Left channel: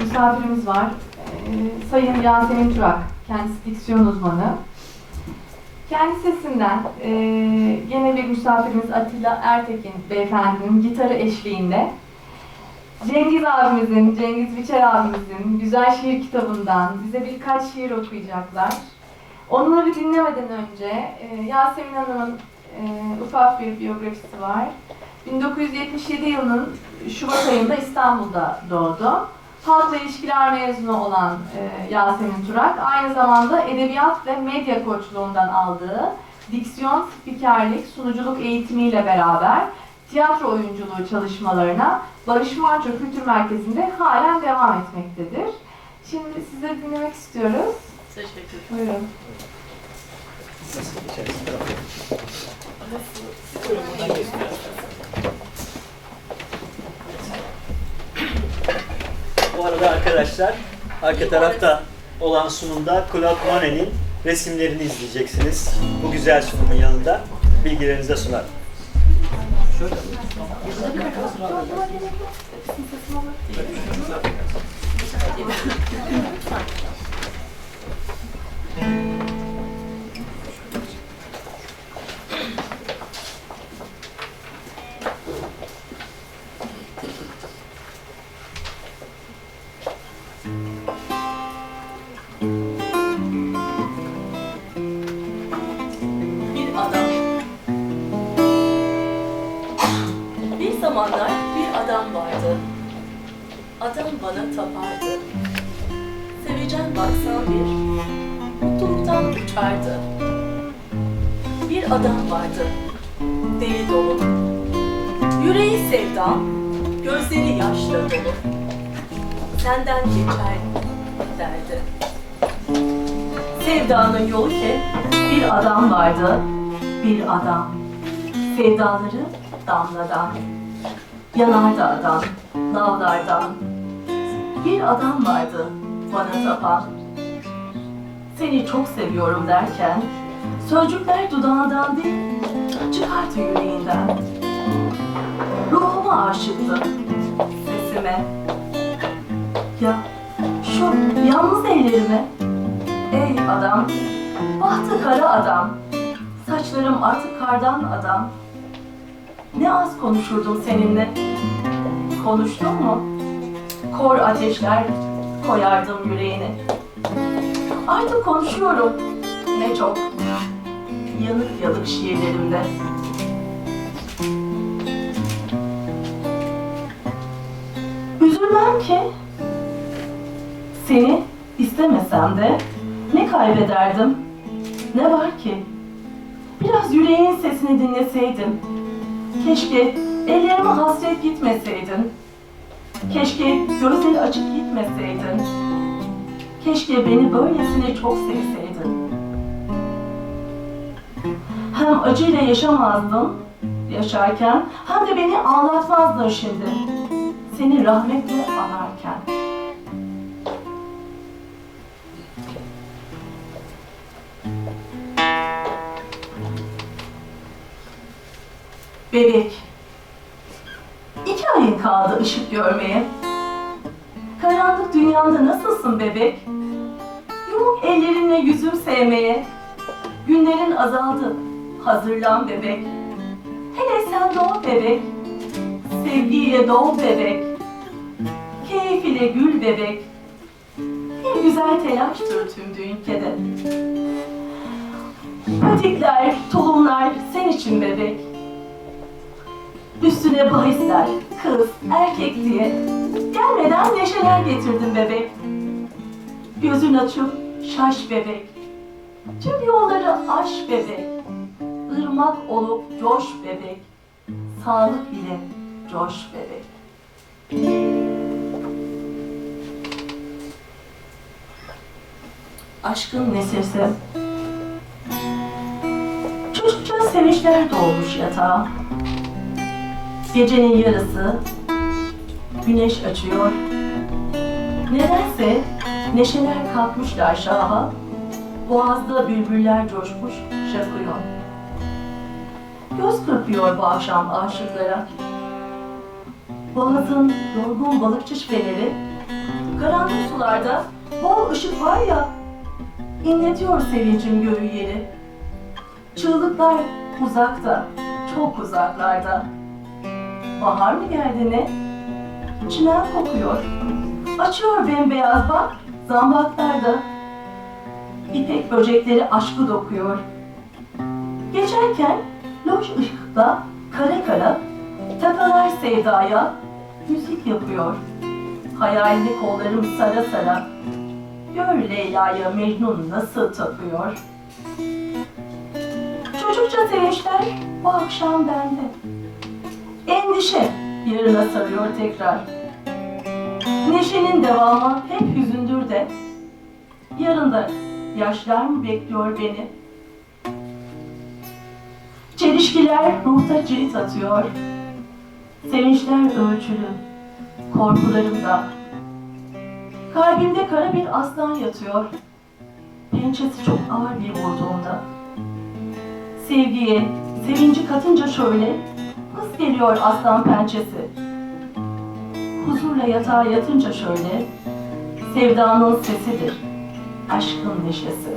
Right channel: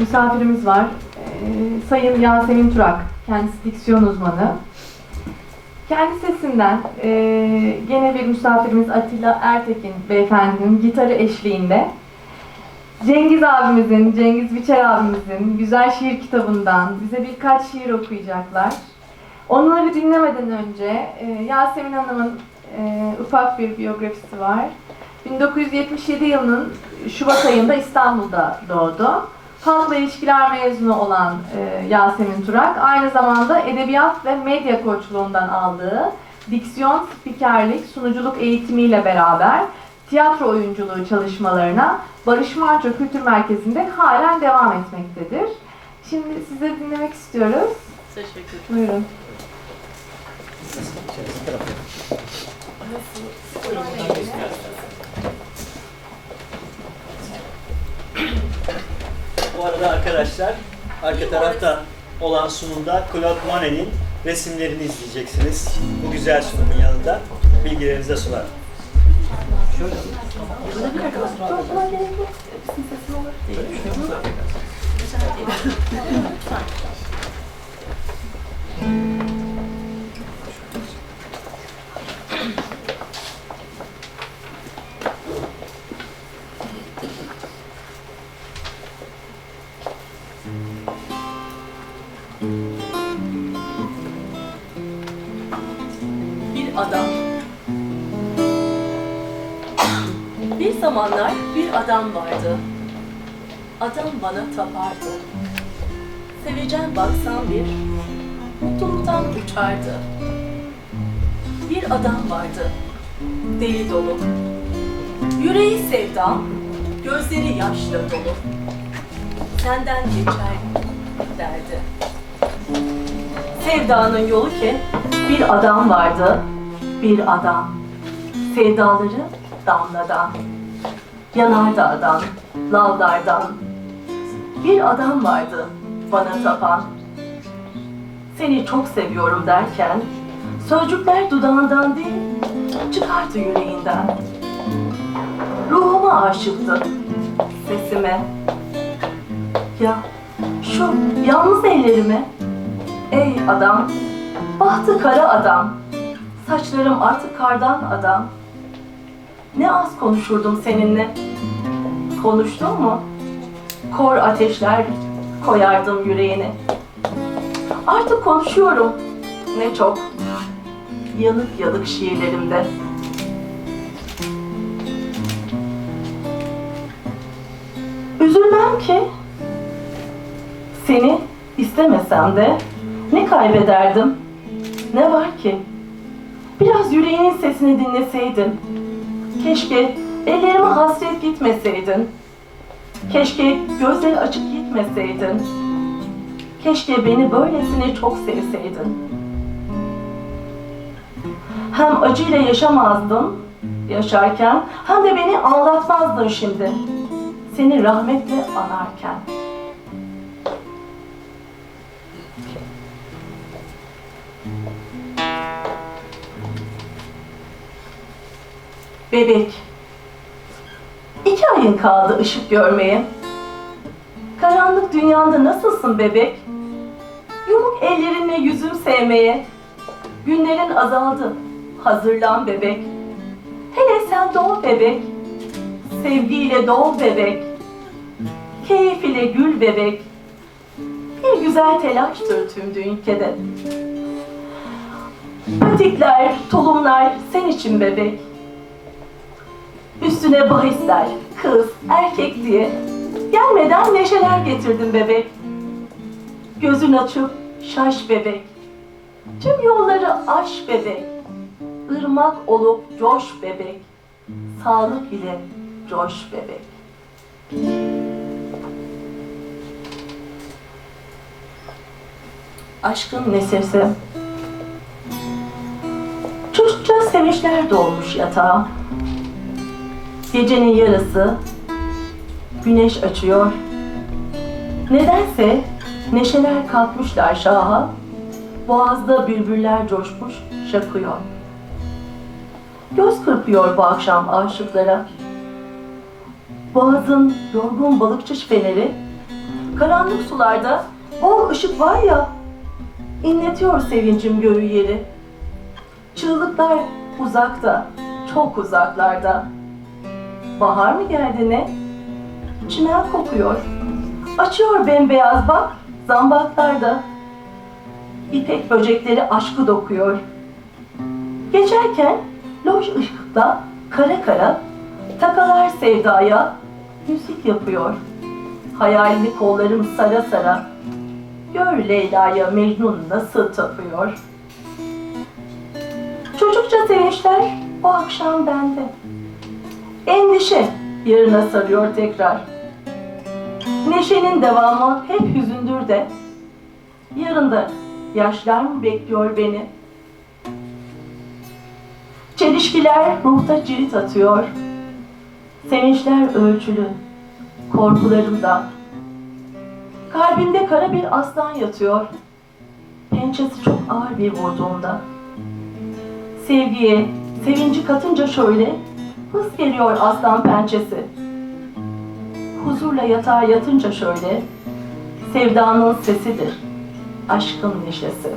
misafirimiz var. Ee, Sayın Yasemin Turak, kendisi diksiyon uzmanı. Kendi sesinden e, gene bir misafirimiz Atilla Ertekin beyefendinin gitarı eşliğinde Cengiz abimizin, Cengiz Biçer abimizin güzel şiir kitabından bize birkaç şiir okuyacaklar. Onları dinlemeden önce e, Yasemin Hanım'ın e, ufak bir biyografisi var. 1977 yılının Şubat ayında İstanbul'da doğdu. Halkla ilişkiler mezunu olan e, Yasemin Turak, aynı zamanda edebiyat ve medya koçluğundan aldığı diksiyon, spikerlik, sunuculuk eğitimiyle beraber tiyatro oyunculuğu çalışmalarına Barış Manço Kültür Merkezi'nde halen devam etmektedir. Şimdi sizleri dinlemek istiyoruz. Teşekkür Buyurun. Bu arada arkadaşlar arka tarafta olan sunumda Claude Monet'in resimlerini izleyeceksiniz. Bu güzel sunumun yanında bilgilerinize sunar. Bir adam. Bir zamanlar bir adam vardı. Adam bana tapardı. Sevecen baksan bir, mutluluktan uçardı. Bir adam vardı, deli dolu. Yüreği sevda, gözleri yaşla dolu. Senden geçer derdi. Sevdanın yolu ki bir adam vardı, bir adam. Sevdaları damladan, yanardağdan, lavlardan. Bir adam vardı bana tapan. Seni çok seviyorum derken sözcükler dudağından değil, çıkardı yüreğinden. Ruhuma aşıktı, sesime. Ya şu yalnız ellerime adam, bahtı kara adam, saçlarım artık kardan adam. Ne az konuşurdum seninle. Konuştun mu? Kor ateşler koyardım yüreğine. Artık konuşuyorum. Ne çok. Yanık yanık şiirlerimde. Üzülmem ki seni istemesem de ne kaybederdim? Ne var ki? Biraz yüreğinin sesini dinleseydim. Keşke ellerime hasret gitmeseydin. Keşke gözleri açık gitmeseydin. Keşke beni böylesine çok sevseydin. Hem acıyla yaşamazdın yaşarken hem de beni ağlatmazdın şimdi. Seni rahmetle anarken. Bebek. İki ayın kaldı ışık görmeye. Karanlık dünyanda nasılsın bebek? Yumuk ellerinle yüzüm sevmeye. Günlerin azaldı. Hazırlan bebek. Hele sen doğ bebek. Sevgiyle doğ bebek. Keyif ile gül bebek. Bir güzel telaştır tüm ülkede. Patikler, tulumlar sen için bebek. Üstüne bahisler, kız, erkek diye. Gelmeden neşeler getirdim bebek. Gözün açıp şaş bebek. Tüm yolları aş bebek. Irmak olup coş bebek. Sağlık ile coş bebek. Aşkın nesesi. Çocukça sevinçler dolmuş yatağa. Gecenin yarısı güneş açıyor. Nedense neşeler kalkmışlar şaha. Boğazda bülbüller coşmuş şakıyor. Göz kırpıyor bu akşam aşıklara. Boğazın yorgun balıkçı feneri karanlık sularda bol ışık var ya, inletiyor sevincim göğü yeri. Çığlıklar uzakta, çok uzaklarda. Bahar mı geldi ne? Çimen kokuyor. Açıyor bembeyaz bak, zambaklarda. İpek böcekleri aşkı dokuyor. Geçerken loş ışıkta kara kara takalar sevdaya müzik yapıyor. Hayalini kollarım sara sara Gör Leyla'ya Mecnun nasıl tapıyor. Çocukça sevinçler bu akşam bende. Endişe yarına sarıyor tekrar. Neşenin devamı hep hüzündür de. Yarında yaşlar mı bekliyor beni? Çelişkiler ruhta cirit atıyor. Sevinçler ölçülü, korkularım da. Kalbimde kara bir aslan yatıyor. Pençesi çok ağır bir vurduğunda. Sevgiye, sevinci katınca şöyle, hız geliyor aslan pençesi. Huzurla yatağa yatınca şöyle, sevdanın sesidir, aşkın neşesi.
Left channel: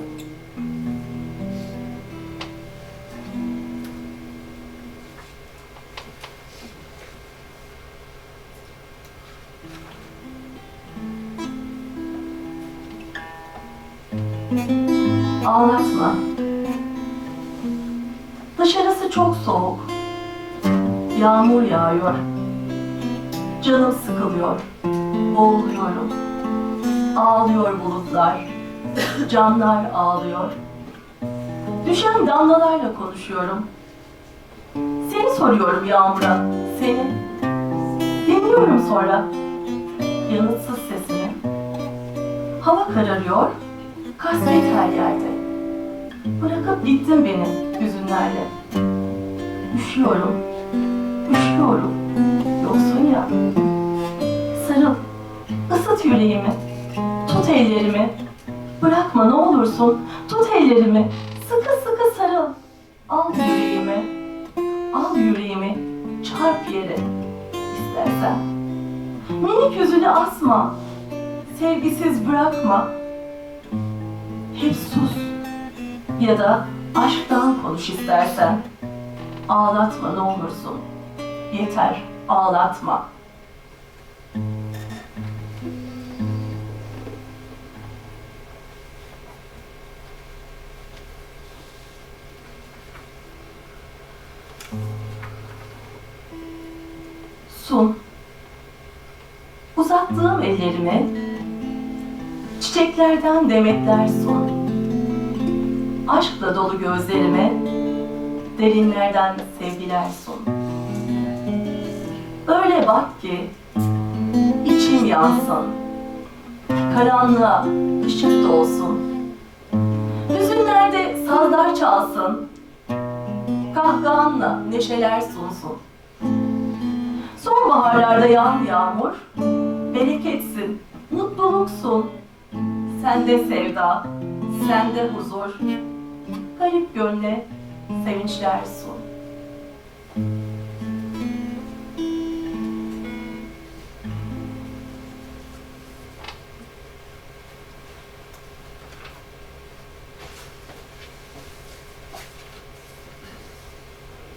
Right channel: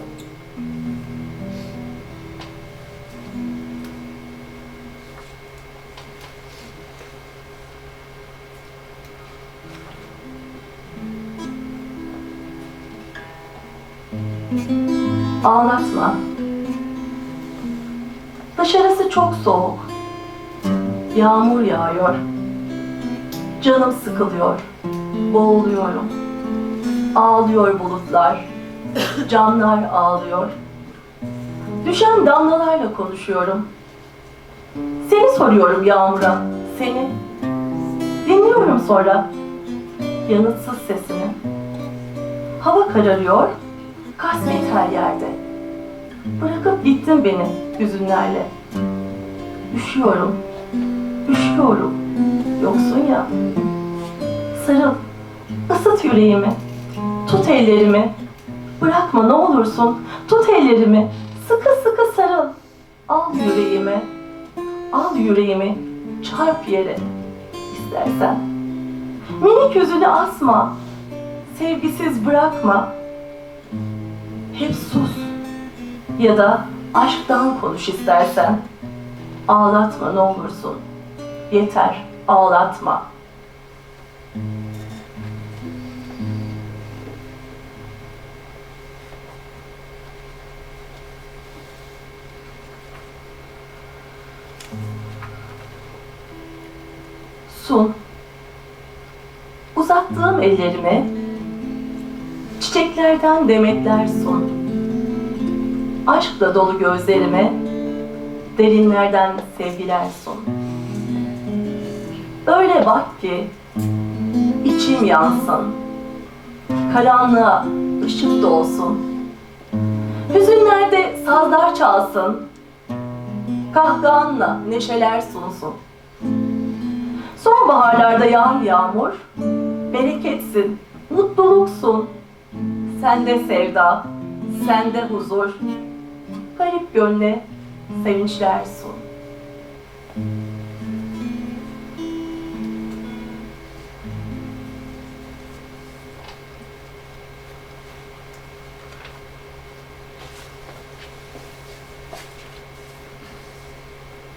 Ağlatma. Dışarısı çok soğuk. Yağmur yağıyor. Canım sıkılıyor. Boğuluyorum. Ağlıyor bulutlar. Camlar ağlıyor. Düşen damlalarla konuşuyorum. Seni soruyorum yağmura. Seni. Dinliyorum sonra. Yanıtsız sesini. Hava kararıyor. Kasvet her yerde. Bırakıp gittin beni hüzünlerle. Üşüyorum, üşüyorum. Yoksun ya. Sarıl, ısıt yüreğimi. Tut ellerimi. Bırakma ne olursun. Tut ellerimi. Sıkı sıkı sarıl. Al yüreğimi. Al yüreğimi. Çarp yere. istersen. Minik yüzünü asma. Sevgisiz bırakma. Hep sus. Ya da aşktan konuş istersen. Ağlatma ne olursun. Yeter, ağlatma. Sun. Uzattığım ellerimi çiçeklerden demetler sun. Aşkla dolu gözlerime derinlerden sevgiler sun. Öyle bak ki içim yansın. Karanlığa ışık dolsun. Hüzünlerde sazlar çalsın. Kahkahanla neşeler sunsun. Sonbaharlarda yağan yağmur, bereketsin, mutluluksun. Sende sevda, sende huzur. Garip gönle sevinçler sun.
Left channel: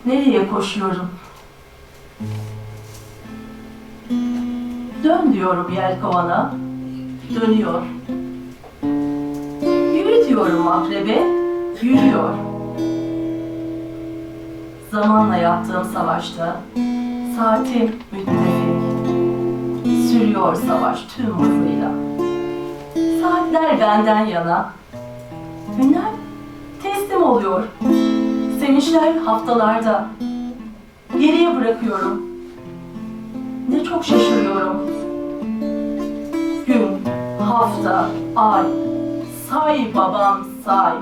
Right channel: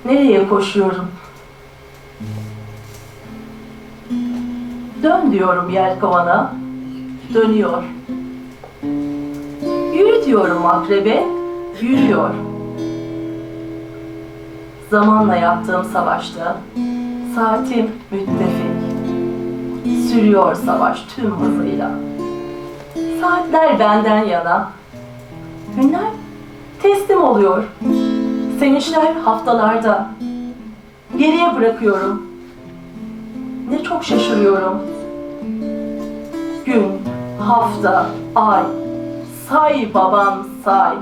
Nereye koşuyorum? Dön diyorum yelkovana, dönüyor. Yürü diyorum akrebe, yürüyor. Zamanla yaptığım savaşta saatim müttefik. Sürüyor savaş tüm hızıyla. Saatler benden yana. Günler teslim oluyor. Sevinçler haftalarda. Geriye bırakıyorum. Ne çok şaşırıyorum. Gün, hafta, ay. Say babam say.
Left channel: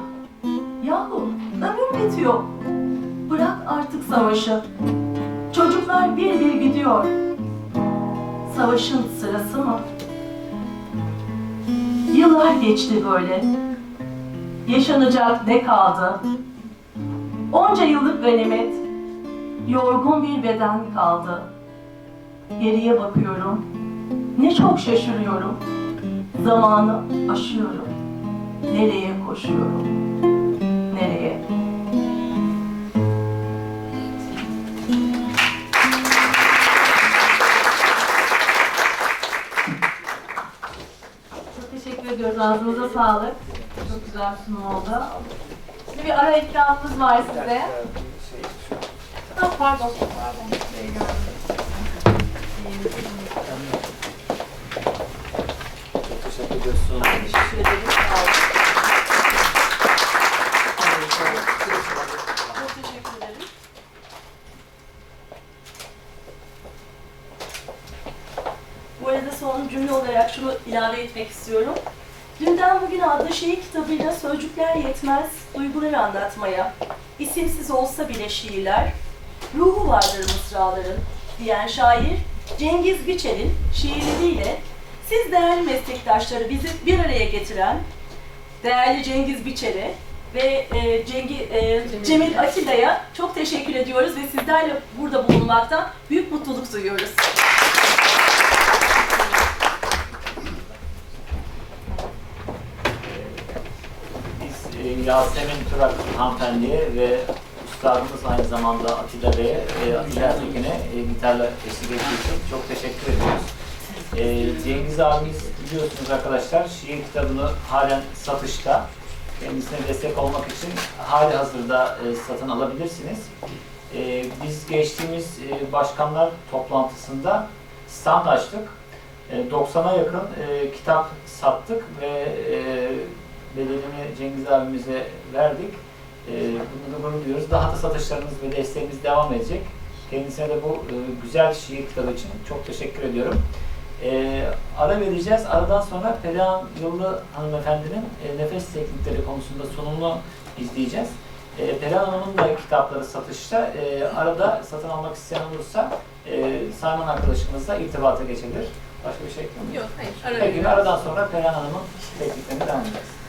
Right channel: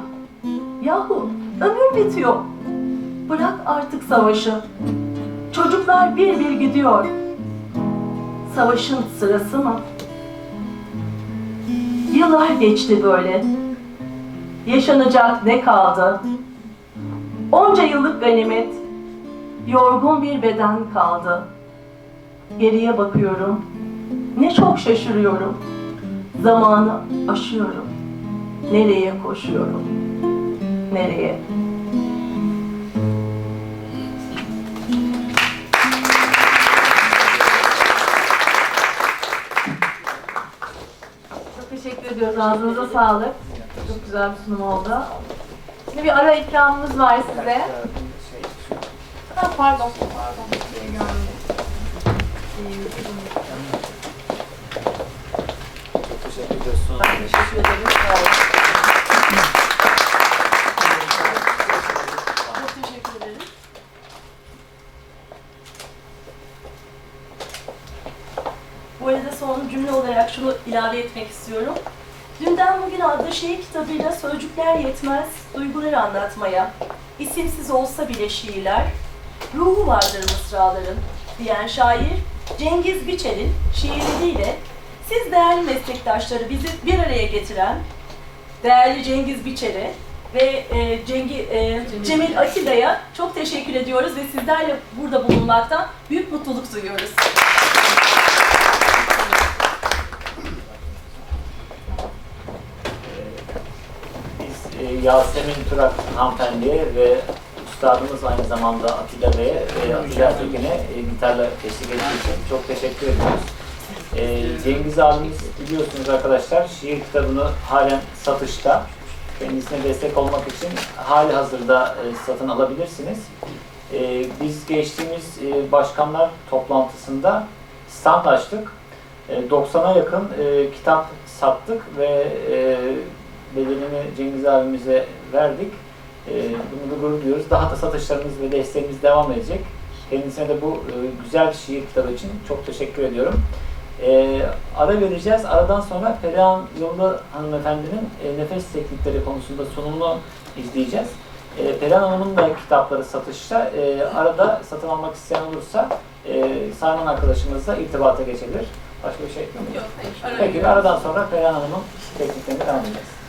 Yahu ömür bitiyor. Bırak artık savaşı. Çocuklar bir bir gidiyor. Savaşın sırası mı? Yıllar geçti böyle. Yaşanacak ne kaldı? Onca yıllık ganimet, yorgun bir beden kaldı. Geriye bakıyorum, ne çok şaşırıyorum. Zamanı aşıyorum. Nereye koşuyorum? Nereye? Çok teşekkür ediyoruz. Ağzınıza sağlık. Çok güzel bir sunum oldu. Bir ara ikramımız var size. Ha, pardon, pardon. Şey görmedim. Çok teşekkür ediyoruz. Teşekkür ederim. Sağ olun. Çok teşekkür ederim. Bu arada son cümle olarak şunu ilave etmek istiyorum. Dünden Bugüne adlı şiir kitabıyla sözcükler yetmez, duyguları anlatmaya, isimsiz olsa bile şiirler, ruhu vardır mısraların diyen şair Cengiz Biçer'in şiirleriyle siz değerli meslektaşları bizi bir araya getiren değerli Cengiz Biçer'e ve e, Cengi, e, Cemil Akida'ya çok teşekkür ediyoruz ve sizlerle burada bulunmaktan büyük mutluluk duyuyoruz. Biz e, Yasemin Turak hanımefendiye ve üstadımız aynı zamanda Atilla Bey'e ve Atilla Ertekin'e e, gitarla eşlik ettiği için çok teşekkür ediyoruz. E, Cengiz abimiz biliyorsunuz arkadaşlar şiir kitabını halen satışta. Kendisine destek olmak için hali hazırda e, satın alabilirsiniz. E, biz geçtiğimiz e, başkanlar toplantısında stand açtık. E, 90'a yakın e, kitap sattık ve e, bedelini Cengiz abimize verdik. E, bunu da gurur duyuyoruz. Daha da satışlarımız ve desteğimiz devam edecek. Kendisine de bu e, güzel şiir kitabı için çok teşekkür ediyorum. E, ara vereceğiz. Aradan sonra Perihan Yolda hanımefendinin e, nefes teknikleri konusunda sunumunu izleyeceğiz. E, Perihan Hanım'ın da kitapları satışta. E, arada satın almak isteyen olursa e, Sayman arkadaşımızla irtibata geçebilir. Başka bir şey yok mu? Yok, hayır. Peki aradan sonra Perihan Hanım'ın tekniklerini devam edeceğiz.